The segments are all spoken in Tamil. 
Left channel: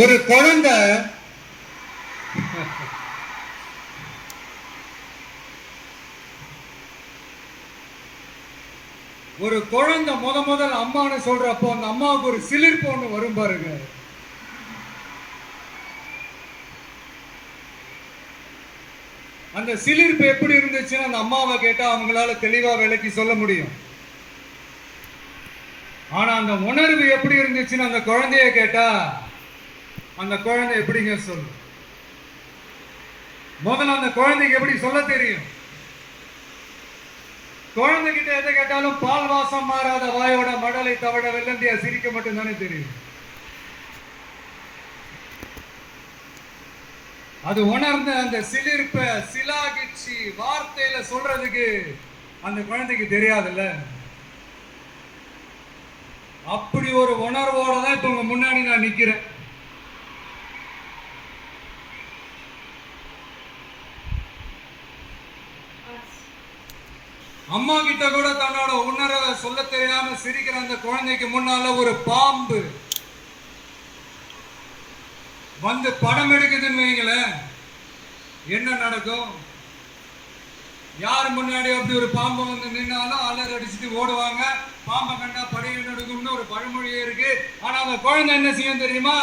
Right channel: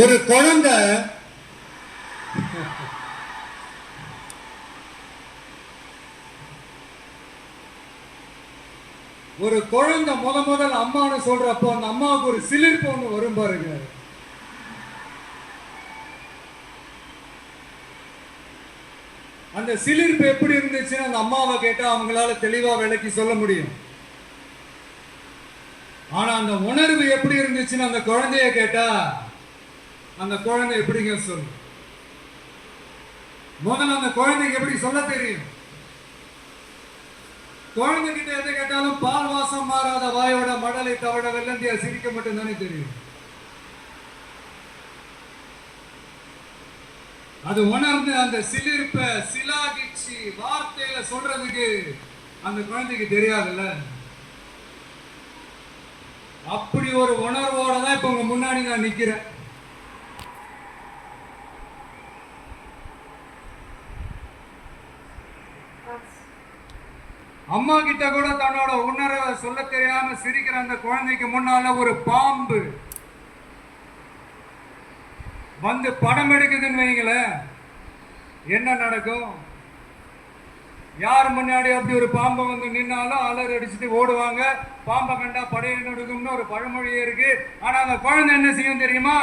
ஒரு குழந்தை முதல் அம்மான்னு சொல்றப்போ அந்த அம்மாவுக்கு ஒரு சிலிர்ப்பு ஒண்ணு வரும் பாருங்க. அந்த சிலிர்ப்பு எப்படி இருந்துச்சுன்னு அந்த அம்மாவை கேட்டா அவங்களால தெளிவா விளக்கி சொல்ல முடியும். ஆனா அந்த உணர்வு எப்படி இருந்துச்சுன்னு அந்த குழந்தைய கேட்டா அந்த குழந்தை எப்படிங்க சொல்லும்? முதல்ல அந்த குழந்தைக்கு எப்படி சொல்ல தெரியும்? குழந்தைகிட்ட எதை கேட்டாலும் பால் வாசம் மாறாத வாயோட மடலை தவட வெள்ளந்தியா சிரிக்க மட்டும் தானே தெரியும். அது உணர்ந்த அந்த சிலிர்ப்ப சிலாகிச்சு வார்த்தையில சொல்றதுக்கு அந்த குழந்தைக்கு தெரியாதுல்ல. அப்படி ஒரு உணர்வோட தான் இப்ப உங்க முன்னாடி நான் நிக்கிறேன். அம்மா கிட்ட கூட தன்னோட உணர்வை சொல்ல தெரியாம சிரிக்கிற அந்த குழந்தைக்கு முன்னால ஒரு பாம்பு வந்து படம் எடுக்குதுன்னு வைங்களேன், என்ன நடக்கும்? யார் முன்னாடி அப்படி ஒரு பாம்பை வந்து நின்னாலும் அலர் அடிச்சுட்டு ஓடுவாங்க. பாம்பை கண்டா படையை நடுக்கும்னு ஒரு பழமொழியே இருக்கு. ஆனா அந்த குழந்தை என்ன செய்யும் தெரியுமா?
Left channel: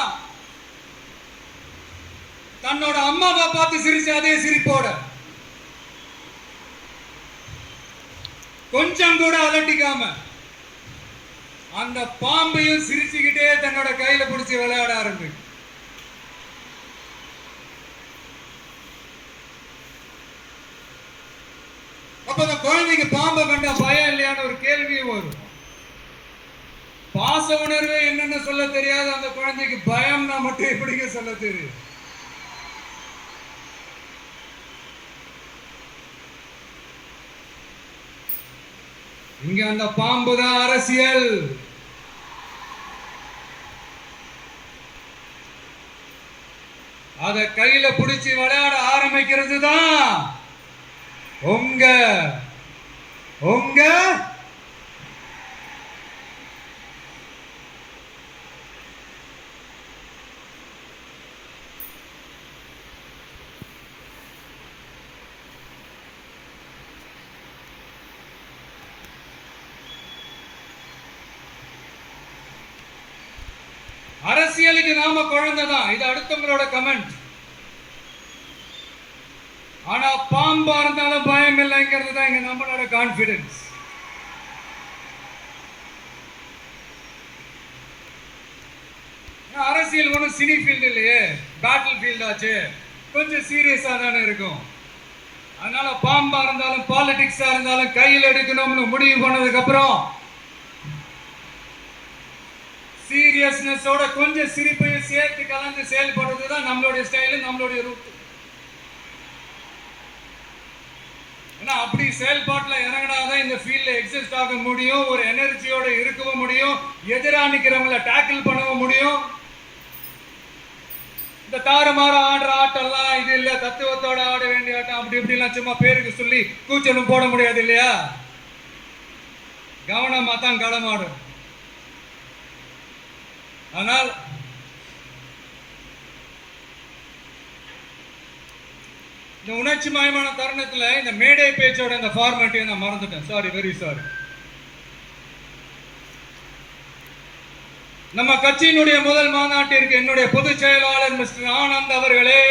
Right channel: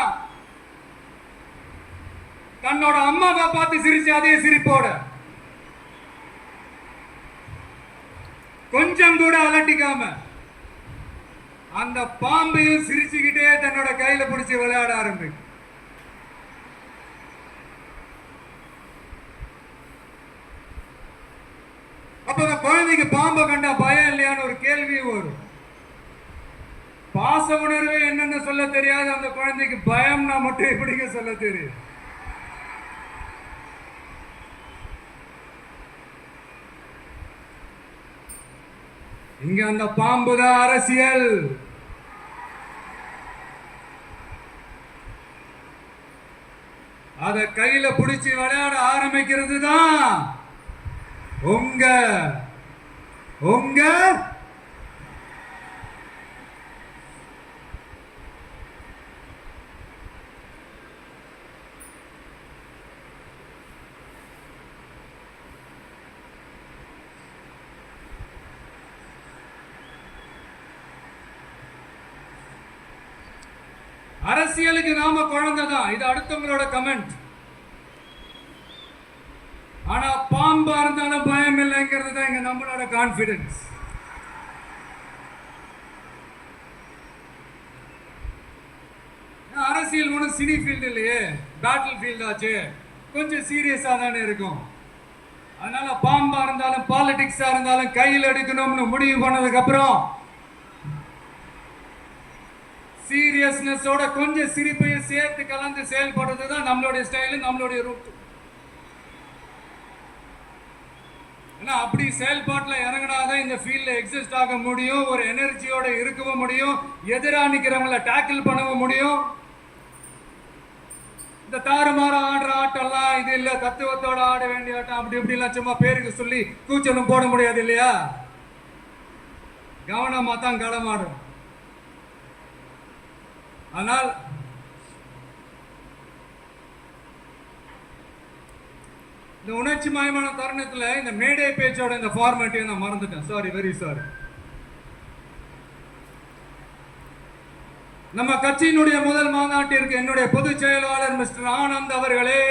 தன்னோட அம்மாவை பார்த்து சிரிச்சு அதே சிரிப்போட கொஞ்சம் கூட அலட்டிக்காம அந்த பாம்பையும் சிரிச்சுக்கிட்டே தன்னோட கையில பிடிச்சி விளையாட ஆரம்பிக்கும். அப்ப அந்த குழந்தைக்கு பாம்பை கண்டா பயம் இல்லையான்னு ஒரு கேள்வியும் வரும். பாச உணர்வு என்னன்னு சொல்ல தெரியாது அந்த குழந்தைக்கு பயம்னா மட்டும் எப்படிங்க சொல்ல தெரியும்? இங்க அந்த பாம்பு தான் அரசியல். அத கையில பிடிச்சி விளையாட ஆரம்பிக்கிறது தான் உங்க உங்க அரசியலுக்கு நாம குழந்தை தான். இது அடுத்தவங்களோட கமெண்ட். ஆனா பாம்பா இருந்தாலும் பயம் இல்லைங்கிறது தான் இங்க நம்மளோட கான்பிடன்ஸ். அரசியல் ஒன்றும் சினி ஃபீல்டு இல்லையே, பேட்டில் ஃபீல்ட் ஆச்சு, கொஞ்சம் சீரியஸா தானே இருக்கும். அதனால பாம்பா இருந்தாலும் பாலிடிக்ஸா இருந்தாலும் கையில் எடுக்கணும்னு முடிவு பண்ணதுக்கு அப்புறம் சீரியஸ்னஸோட கொஞ்சம் சிரிப்பையும் சேர்த்து கலந்து செயல்படுறது தான் நம்மளுடைய ஸ்டைலு, நம்மளுடைய ரூட். ஏன்னா அப்படி செயல்பாட்டில் இறங்கினாதான் இந்த ஃபீல்ட்ல எக்ஸிஸ்ட் ஆக முடியும், ஒரு எனர்ஜியோட இருக்கவும் முடியும், எதிராக நிற்கிறவங்களை டேக்கிள் பண்ணவும் முடியும். இந்த தாறுமாற ஆடுற ஆட்டெல்லாம் இது இல்லை, தத்துவத்தோட ஆட வேண்டிய ஆட்டம் அப்படி இப்படிலாம் சும்மா பேருக்கு சொல்லி கூச்சலும் போட முடியாது இல்லையா? கவனமா தான் களமாடும். ஆனால் இந்த உணர்ச்சி மயமான தருணத்துல இந்த மேடை பேச்சோட இந்த ஃபார்மேட்டையும் நான் மறந்துட்டேன். Sorry, very sorry. நம்ம கட்சியினுடைய முதல் மாநாட்டிற்கு என்னுடைய பொதுச் செயலாளர் மிஸ்டர் ஆனந்த் அவர்களே,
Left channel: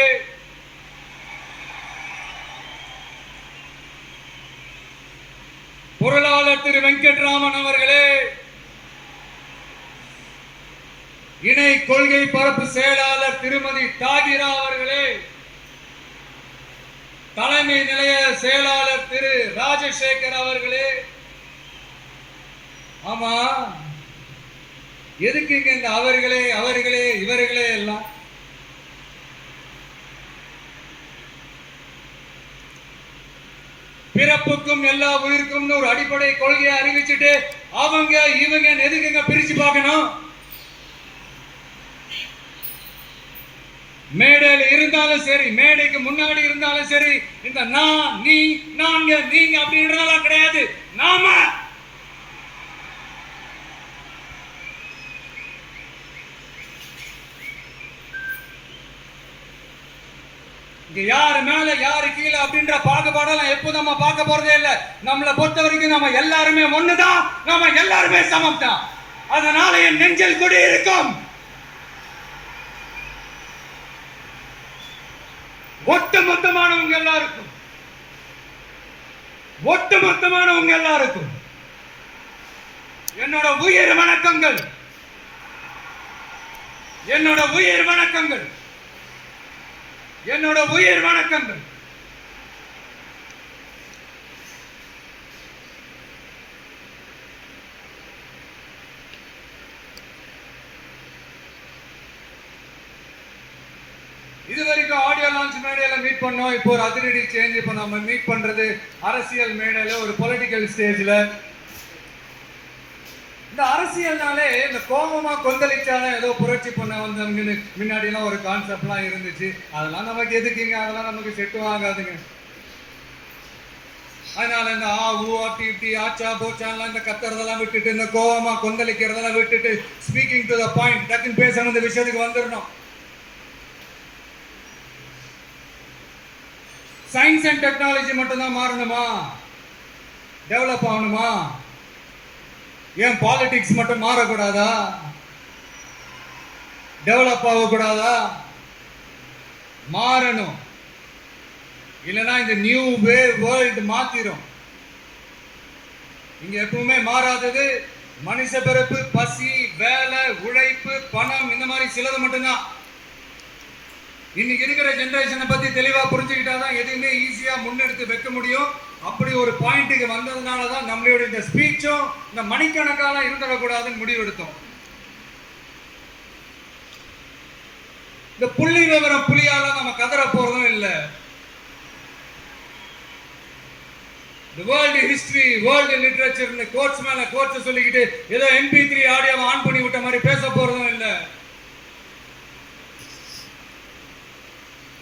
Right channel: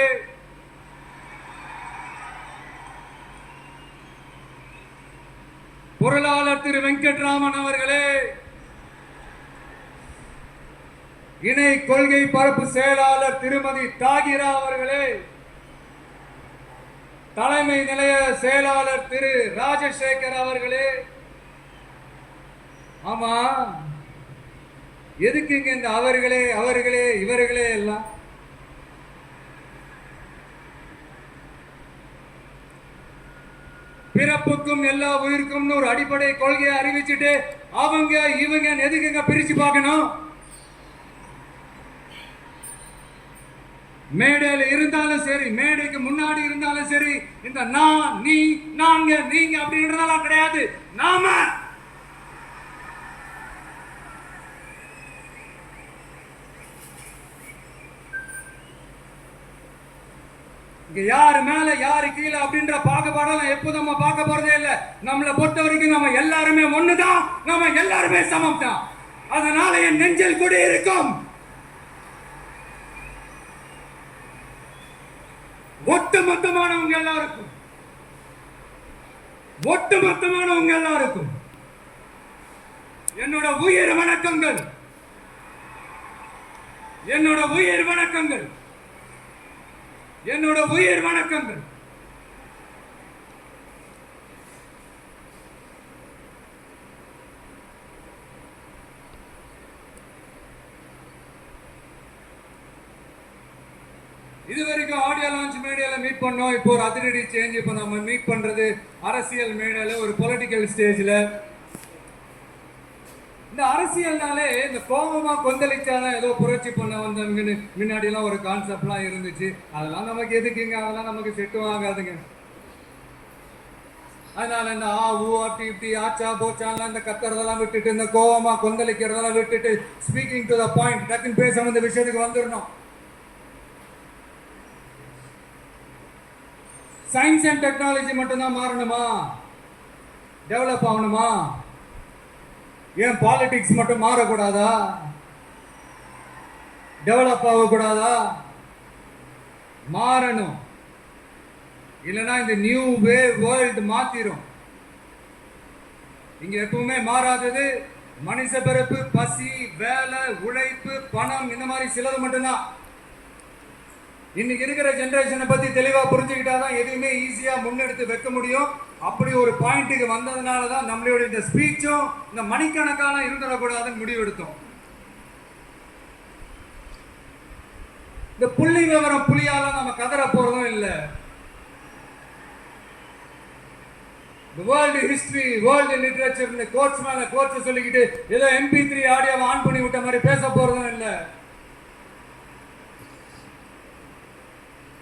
பொருளாளர் திரு வெங்கட்ராமன் அவர்களே, இணை கொள்கை பரப்பு செயலாளர் திருமதி தாகிரா அவர்களே, தலைமை நிலைய செயலாளர் திரு ராஜசேகர் அவர்களே. ஆமா, எதுக்கு இங்க இந்த அவர்களே அவர்களே இவர்களே எல்லாம்? பிறப்புக்கும் எல்லா உயிருக்கும் ஒரு அடிப்படை கொள்கையை அறிவிச்சுட்டு அவங்க இவங்க எதுக்குங்க பிரிச்சு பார்க்கணும்? மேடையில் இருந்தாலும் சரி, மேடைக்கு முன்னாடி இருந்தாலும் சரி, இந்த நான் நீ நாங்க நீங்க அப்படின்றதெல்லாம் கிடையாது. நாம இங்க யாரு மேல யாரு கீழே அப்படின்ற பாகுபாடெல்லாம் எப்போ நம்ம பார்க்க போறதே இல்லை. நம்மளை பொறுத்த வரைக்கும் நம்ம எல்லாருமே ஒண்ணுதான், நம்ம எல்லாருமே சமம் தான். அதனால என் நெஞ்சில் குடி இருக்கும் ஒட்டுமொத்தமானவங்க எல்லாருக்கும் என்னோட உயிர் வணக்கங்கள், என்னோட உயிர் வணக்கங்கள், என்னோட உயிர் வணக்கங்கள். இது வரைக்கும் ஆடியோ லான்ச் மேடையில மீட் பண்ணோம். இப்போ ஒரு அதிரடி சேஞ்ச். இப்போ நம்ம மீட் பண்றது அரசியல் மேடையில, ஒரு பொலிட்டிக்கல் ஸ்டேஜ்ல. இந்த அரசியல்னாலே இந்த கோபமா கொந்தளிச்சாலும் ஏதோ புரட்சி பண்ண வந்தவங்கன்னு முன்னாடி எல்லாம் ஒரு கான்செப்ட்லாம் இருந்துச்சு. அதெல்லாம் நமக்கு எதுக்குங்க, அதெல்லாம் நமக்கு செட்டு வாங்காதுங்க. அதனால இந்த டி ஆச்சா போச்சான்லாம் இந்த கத்துறதெல்லாம் விட்டுட்டு, இந்த கோபமா கொந்தளிக்கிறதெல்லாம் விட்டுட்டு, ஸ்பீக்கிங் டு த பாயிண்ட், டக்குன்னு பேசணும், இந்த விஷயத்துக்கு வந்துடணும். சயின்ஸ் அண்ட் டெக்னாலஜி மட்டும்தான் மாறணுமா, டெவலப் ஆகணுமா? ஏன் பாலிடிக்ஸ் மட்டும் மாறக்கூடாதா, டெவலப் ஆகக்கூடாதா? மாறணும். இல்லைன்னா இந்த நியூ வே வேர்ல்டு மாத்திரும். இங்க எப்பவுமே மாறாதது மனுஷ பிறப்பு, பசி, வேலை, உழைப்பு, பணம், இந்த மாதிரி சிலது மட்டும்தான். இன்னைக்கு இருக்கிற ஜெனரேஷனை பத்தி தெளிவா புரிஞ்சுக்கிட்டாதான் எதுவுமே ஈஸியா முன்னெடுத்து வைக்க முடியும். அப்படி ஒரு பாயிண்ட்டுக்கு வந்ததுனாலதான் நம்மளோட இந்த ஸ்பீச்சும் இந்த மணிக்கணக்கான இருந்துடக்கூடாதுன்னு முடிவெடுத்தோம். இந்த புள்ளி விவரம் புலியால நம்ம கதற போறதும் இல்லை. இந்த world history, world literature quotes மேல கோட்ஸ் சொல்லிக்கிட்டு ஏதோ MP3 ஆடியோவை ஆன் பண்ணி விட்ட மாதிரி பேச போறதும் இல்லை.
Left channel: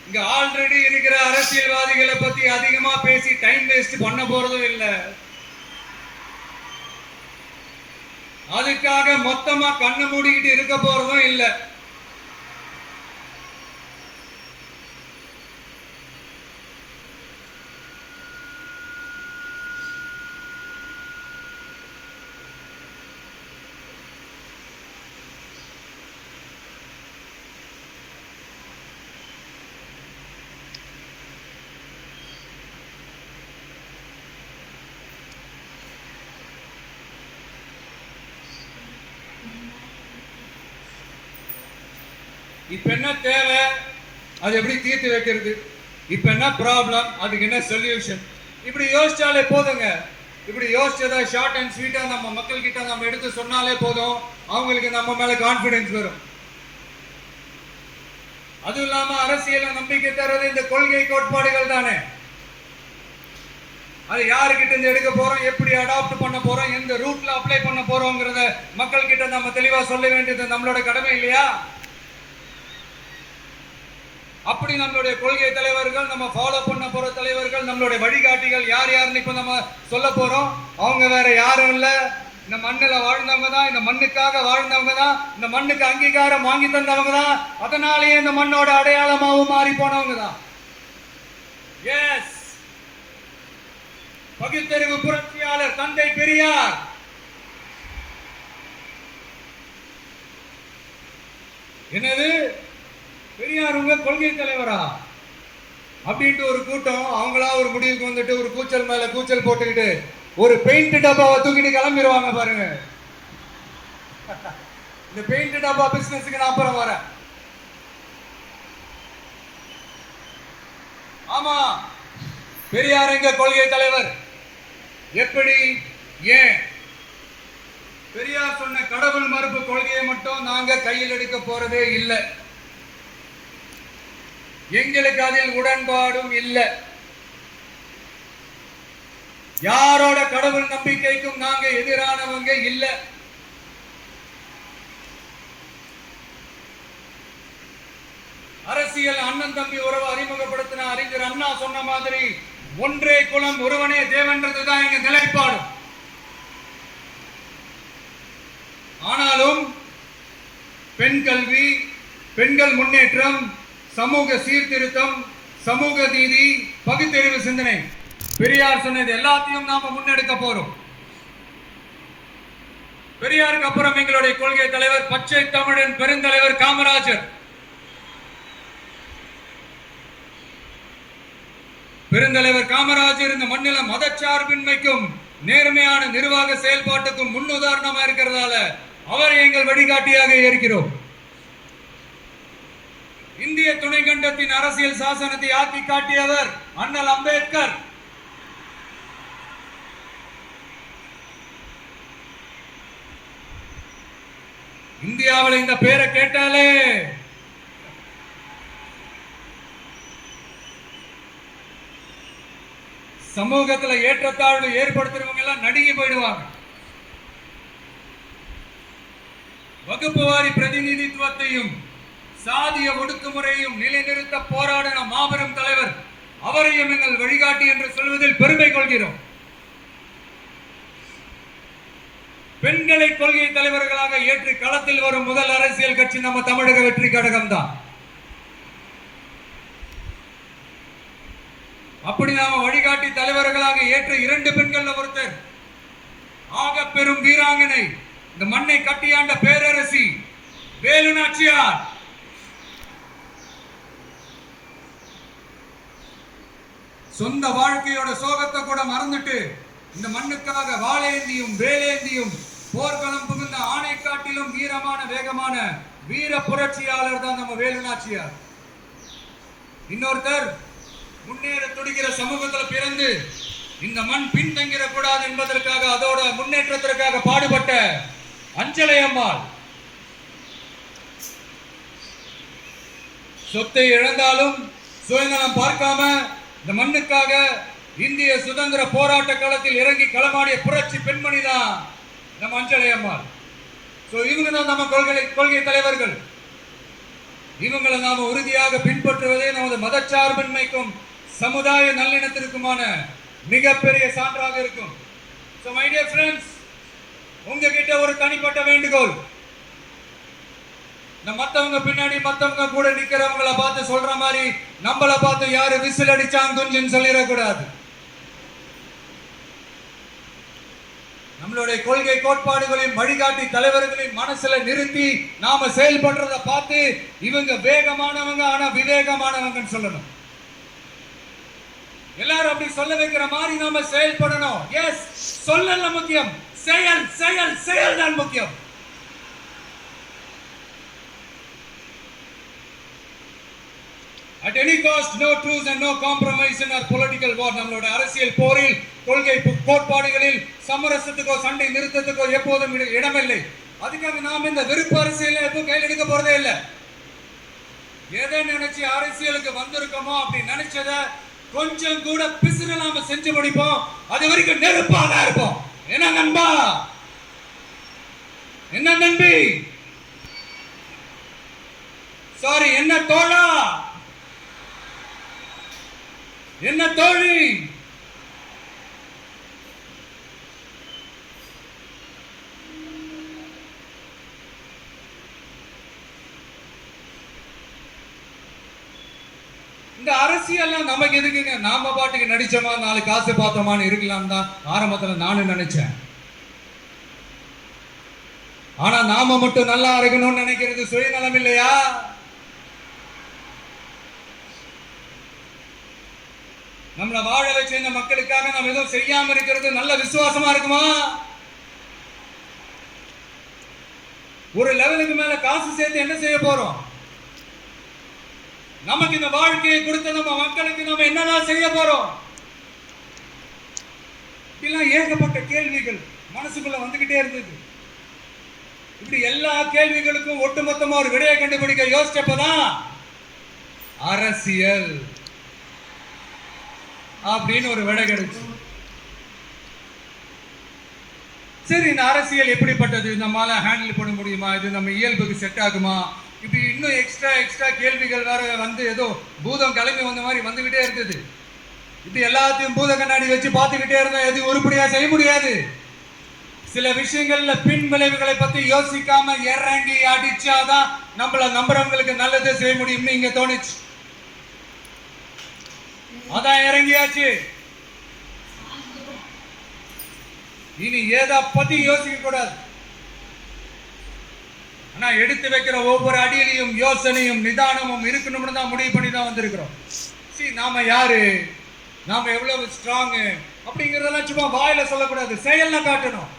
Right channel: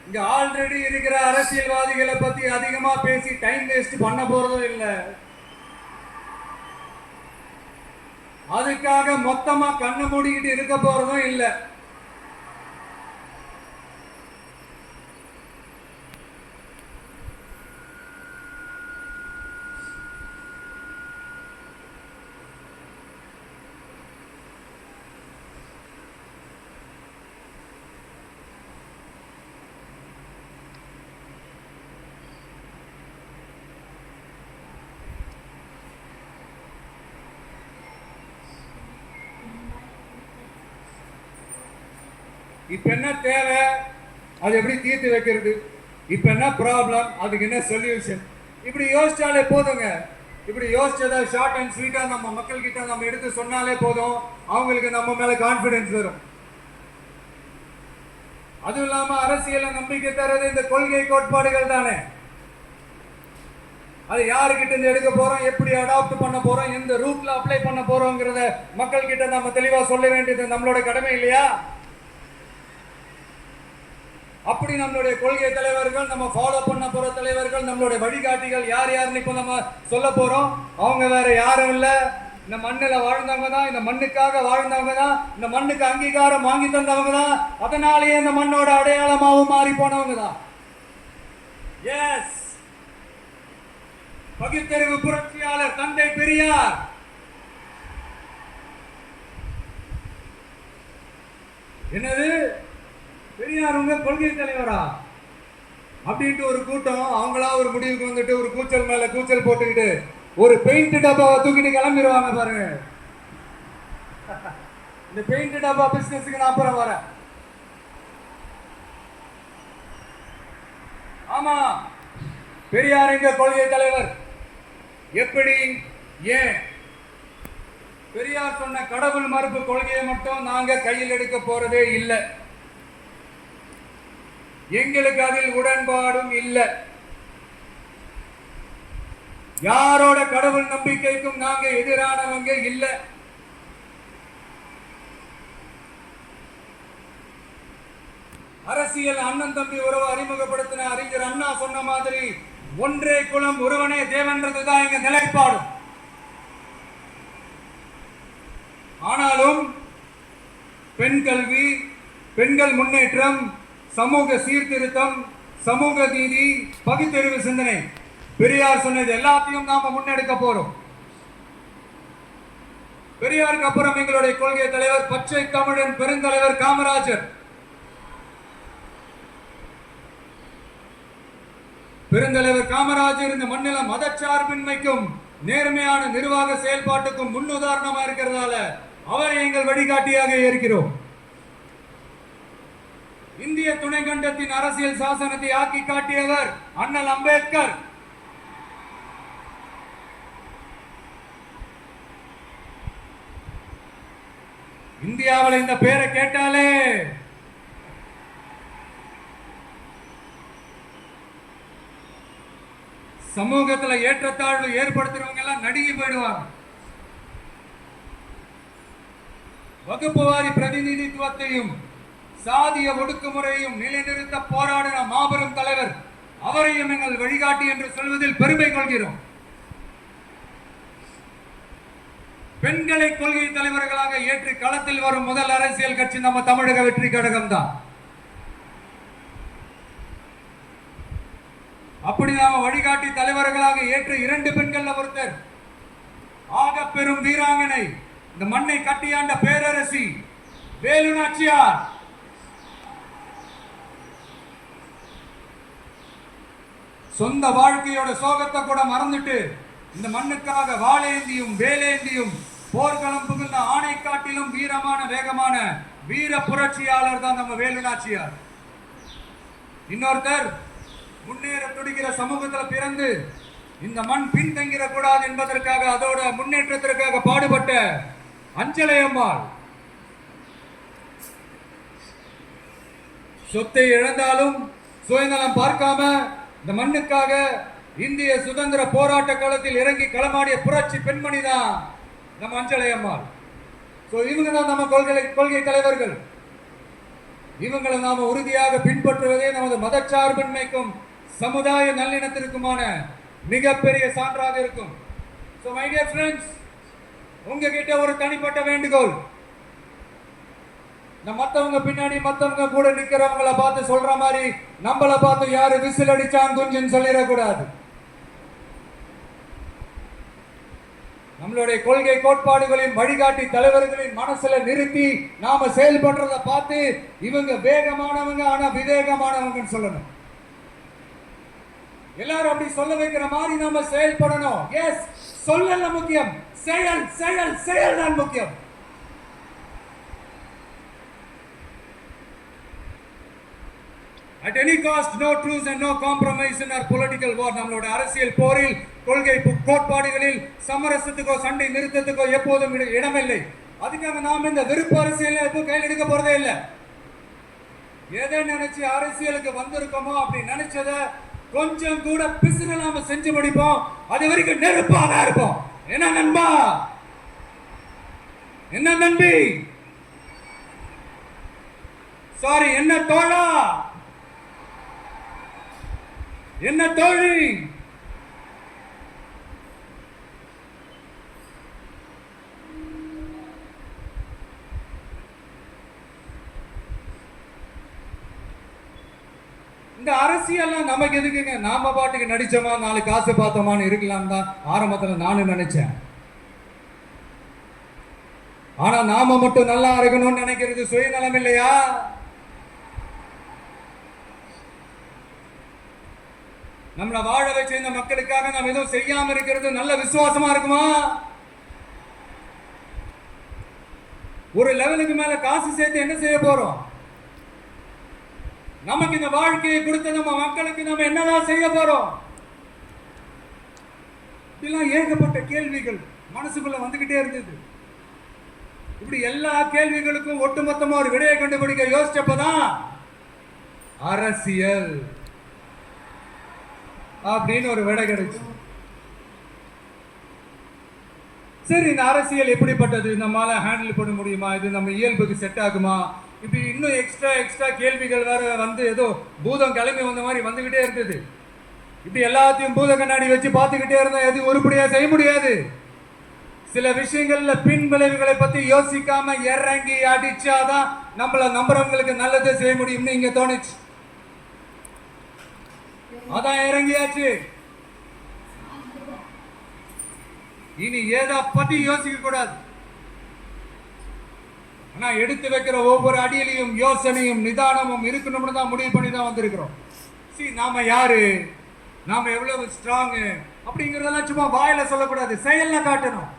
இங்க ஆல்ரெடி இருக்கிற அரசியல்வாதிகளை பத்தி அதிகமா பேசி டைம் வேஸ்ட் பண்ண போறதும் இல்லை. அதுக்காக மொத்தமா கண்ணை மூடிக்கிட்டு இருக்க போறதும் இல்லை. இப்ப என்ன தேவை, அது எப்படி தீர்த்து வைக்கிறது, இப்ப என்ன ப்ராப்ளம், அதுக்கு என்ன சொல்யூஷன், இப்படி யோசிச்சாலே போதுங்க. இப்படி யோசிச்சதை ஷார்ட் அண்ட் ஸ்வீட்டா நம்ம மக்கள் கிட்ட நம்ம எடுத்து சொன்னாலே போதும், அவங்களுக்கு நம்ம மேல கான்பிடன்ஸ் வரும். அதுவும் இல்லாம அரசியல நம்பிக்கை தரது இந்த கொள்கை கோட்பாடுகள் தானே. அது யாருக்கிட்ட இருந்து எடுக்க போறோம், எப்படி அடாப்ட் பண்ண போறோம், இந்த ரூட்ல அப்ளை பண்ண போறோம்ங்கிறத மக்கள் கிட்ட நம்ம தெளிவா சொல்ல வேண்டியது நம்மளோட கடமை இல்லையா? அப்படி நம்மளுடைய கொள்கை தலைவர்கள், நம்ம ஃபாலோ பண்ண போற தலைவர்கள், நம்மளுடைய வழிகாட்டிகள் யார் யாருன்னு இப்ப நம்ம சொல்ல போறோம். அவங்க வேற யாரும் இல்ல, இந்த மண்ணில் வாழ்ந்தவங்க தான், இந்த மண்ணுக்காக வாழ்ந்தவங்க தான், இந்த மண்ணுக்கு அங்கீகாரம் வாங்கி தந்தவங்க தான். அதனாலேயே இந்த மண்ணோட அடையாளமாகவும் மாறி போனவங்க தான். எஸ், பகுத்தறிவு புரட்சியாளர் தந்தை பெரியார். என்னது பெரியார் உங்க கொள்கை தலைவரா அப்படின்ட்டு ஒரு கூட்டம் அவங்களா ஒரு முடிவுக்கு வந்துட்டு ஒரு கூச்சல் மேல கூச்சல் போட்டுக்கிட்டு ஒரு பெயிண்ட் டப்பாவை தூக்கிட்டு கிளம்பிடுவாங்க பாருங்க. இந்த பெயிண்ட் டப்பா பிசினஸ்க்கு நான் அப்புறம் வரேன். ஆமா, பெரியார் எங்க கொள்கை தலைவர். எப்படி, ஏன்? பெரியார் சொன்ன கடவுள் மறுப்பு கொள்கையை மட்டும் நாங்க கையில் எடுக்க போறதே இல்லை. எங்களுக்கு அதில் உடன்பாடும் இல்லை. யாரோட கடவுள் நம்பிக்கைக்கும் நாங்க எதிரானவங்க இல்லை. அரசியல் அண்ணன் தம்பி உறவு அறிமுகப்படுத்தின அறிஞர் அண்ணா சொன்ன மாதிரி ஒன்றே குலம் ஒருவனே தேவன்றதுதான் எங்க நிலைப்பாடு. ஆனாலும் பெண் கல்வி, பெண்கள் முன்னேற்றம், சமூக சீர்திருத்தம், சமூக நீதி, பகுத்தறிவு சிந்தனை. பெரியார் சொன்னது எல்லாத்தையும் நாம முன்னெடுக்க போறோம். பெரியாருக்கு அப்புறம் எங்களுடைய கொள்கை தலைவர் பச்சை தமிழன் பெருந்தலைவர் காமராஜர். பெருந்தலைவர் காமராஜர் இந்த மண்ணில மதச்சார்பின்மைக்கும் நேர்மையான நிர்வாக செயல்பாட்டுக்கும் முன்னுதாரணமா இருக்கிறதால அவரை எங்கள் வழிகாட்டியாக இருக்கிறோம். இந்திய துணைக்கண்டத்தின் அரசியல் சாசனத்தை ஆக்கி காட்டியவர் அண்ணல் அம்பேத்கர். இந்தியாவில் இந்த பேரை கேட்டாலே சமூகத்துல ஏற்றத்தாழ்வு ஏற்படுத்துறவங்க எல்லாம் நடுங்கி போயிடுவாங்க. வகுப்புவாரி பிரதிநிதித்துவத்தையும் சாதிய ஒடுக்குமுறையும் நிலைநிறுத்த போராடின மாபெரும் தலைவர், அவரையும் எங்கள் வழிகாட்டி என்று சொல்வதில் பெருமை கொள்கிறோம். பெண்களை கொள்கை தலைவர்களாக ஏற்று களத்தில் வரும் முதல் அரசியல் கட்சி நம்ம தமிழக வெற்றி கழகம் தான். அப்படி நாம வழிகாட்டி தலைவர்களாக ஏற்ற 2 பெண்கள் ஒருத்தர் ஆக பெரும் வீராங்கனை, இந்த மண்ணை கட்டியாண்ட பேரரசி வேலு நாச்சியார். சொந்த வாழ்க்கையோட சோகத்தை கூட மறந்துட்டு இந்த மண்ணுக்காக வாளேந்தியும் வேலேந்தியும் போர்க்களம் புகுந்த ஆணை காட்டிலும் வீரமான வேகமான வீர புரட்சியாளர் தான் நம்ம வேலு நாச்சியார். இன்னொருத்தர் முன்னேற துடிக்கிற சமூகத்தில் பிறந்து இந்த மண் பின்தங்கிட கூடாது என்பதற்காக அதோட முன்னேற்றத்திற்காக பாடுபட்ட அஞ்சலை அம்மாள். சொத்தை இழந்தாலும் சுயநலம் பார்க்காம இந்த மண்ணுக்காக இந்திய சுதந்திர போராட்ட களத்தில் இறங்கி களமாடிய புரட்சி பெண்மணி தான் நம்ம அஞ்சலை அம்மாள். இவங்க தான் நம்ம கொள்கை தலைவர்கள். இவங்களை நாம உறுதியாக பின்பற்றுவதே நமது மதச்சார்பின்மைக்கும் சமுதாய நல்லிணத்திற்குமான மிகப்பெரிய சான்றாக இருக்கும். So my dear friends, உங்ககிட்ட ஒரு தனிப்பட்ட வேண்டுகோள். மத்தவங்க பின்னாடி மத்தவங்க கூட நிக்கிறவங்கள பார்த்து சொல்ற மாதிரி நம்மள பார்த்து யாரு விசில் அடிச்சாங்க குஞ்சுன்னு சொல்லிடக்கூடாது. நம்மளுடைய கொள்கை கோட்பாடுகளையும் வழிகாட்டி தலைவர்களையும் மனசுல நிறுத்தி நாம செயல்படுறத பார்த்து இவங்க வேகமானவங்க ஆனா விவேகமானவங்கன்னு சொல்லணும். எல்லாரும் அப்படி சொல்ல வைக்கிற மாதிரி நாம செயல்படணும். எஸ், சொல்லல முக்கியம், செயல் செயல் செயல் தான் முக்கியம். At any cost, no truce and no compromise in our political war. நம்மளோட அரசியல் போரில் கொள்கை கோட்பாடுகளில் சமரசத்துக்கோ சண்டை நிறுத்தத்துக்கோ எப்போதும் இடமில்லை. அதுக்காக நாம் இந்த வெறுப்பு அரசியல் எப்பவும் கையில் எடுக்க போறதே இல்லை. எதை நினைச்சு அரசியலுக்கு வந்திருக்கோமோ அப்படி நினைச்சத கொஞ்சம் கூட பிசுறு நாம செஞ்சு முடிப்போம். அது வரைக்கும் நெருப்பாக இருப்போம். என்ன நண்பா, என்ன நம்பி, சாரி என்ன தோழா, என்ன தோழி, இந்த அரசியல் நமக்கு எதுக்குங்க? நாம பாட்டுக்கு நடிச்சோமா 4 காசு பார்த்தோமான்னு இருக்கலாம் தான் ஆரம்பத்துல நானும் நினைச்சேன். ஆனா நாம மட்டும் நல்லா இருக்கணும்னு நினைக்கிறது சுயநலம் இல்லையா? நம்மள வாழ வச்ச இந்த மக்களுக்காக நாம் எதுவும் செய்யாம இருக்கிறது நல்ல விசுவாசமா இருக்குமா? ஒரு லெவலுக்கு மேல காசு சேர்த்து என்ன செய்ய போறோம்? நமக்கு இந்த வாழ்க்கையை கொடுத்த நம்ம மக்களுக்கு நம்ம என்னதான் செய்ய போறோம்? இதெல்லாம் ஏகப்பட்ட கேள்விகள் மனசுக்குள்ள வந்துகிட்டே இருந்தது. இப்படி எல்லா கேள்விகளுக்கும் ஒட்டுமொத்தமா ஒரு விடையை கண்டுபிடிக்க யோசிச்சப்பதான் அரசியல் அப்படின்னு ஒரு விடை கிடைச்சு. சரி, இந்த அரசியல் எப்படிப்பட்டது? நம்மளால ஹேண்டில் பண்ண முடியுமா? இது நம்ம இயல்புக்கு செட் ஆகுமா? இப்ப இன்னும் எக்ஸ்ட்ரா கேள்விகள் வேற வந்து ஏதோ பூதம் கிளம்பி வந்த மாதிரி வந்துகிட்டே இருந்தது. இப்படி எல்லாத்தையும் பூத கண்ணாடி வச்சு பார்த்துக்கிட்டே இருந்தா எதுவும் உருப்படியா செய்ய முடியாது. சில விஷயங்கள்ல பின் விளைவுகளை பத்தி யோசிக்காம இறங்கி அடிச்சாதான் நம்மள நம்புறவங்களுக்கு நல்லது செய்ய முடியும்னு இங்க தோணுச்சு. அதான் இறங்கியாச்சு. இனி ஏதா பத்தி யோசிக்க கூடாது. ஆனா எடுத்து வைக்கிற ஒவ்வொரு அடியிலையும் யோசனையும் நிதானமும் இருக்கணும்னு தான் முடிவு பண்ணி தான் வந்திருக்கிறோம். நாம யாரு, நாம எவ்வளவு ஸ்ட்ராங் அப்படிங்கறதெல்லாம் சும்மா வாயில சொல்லக்கூடாது, செயல்ல காட்டணும்.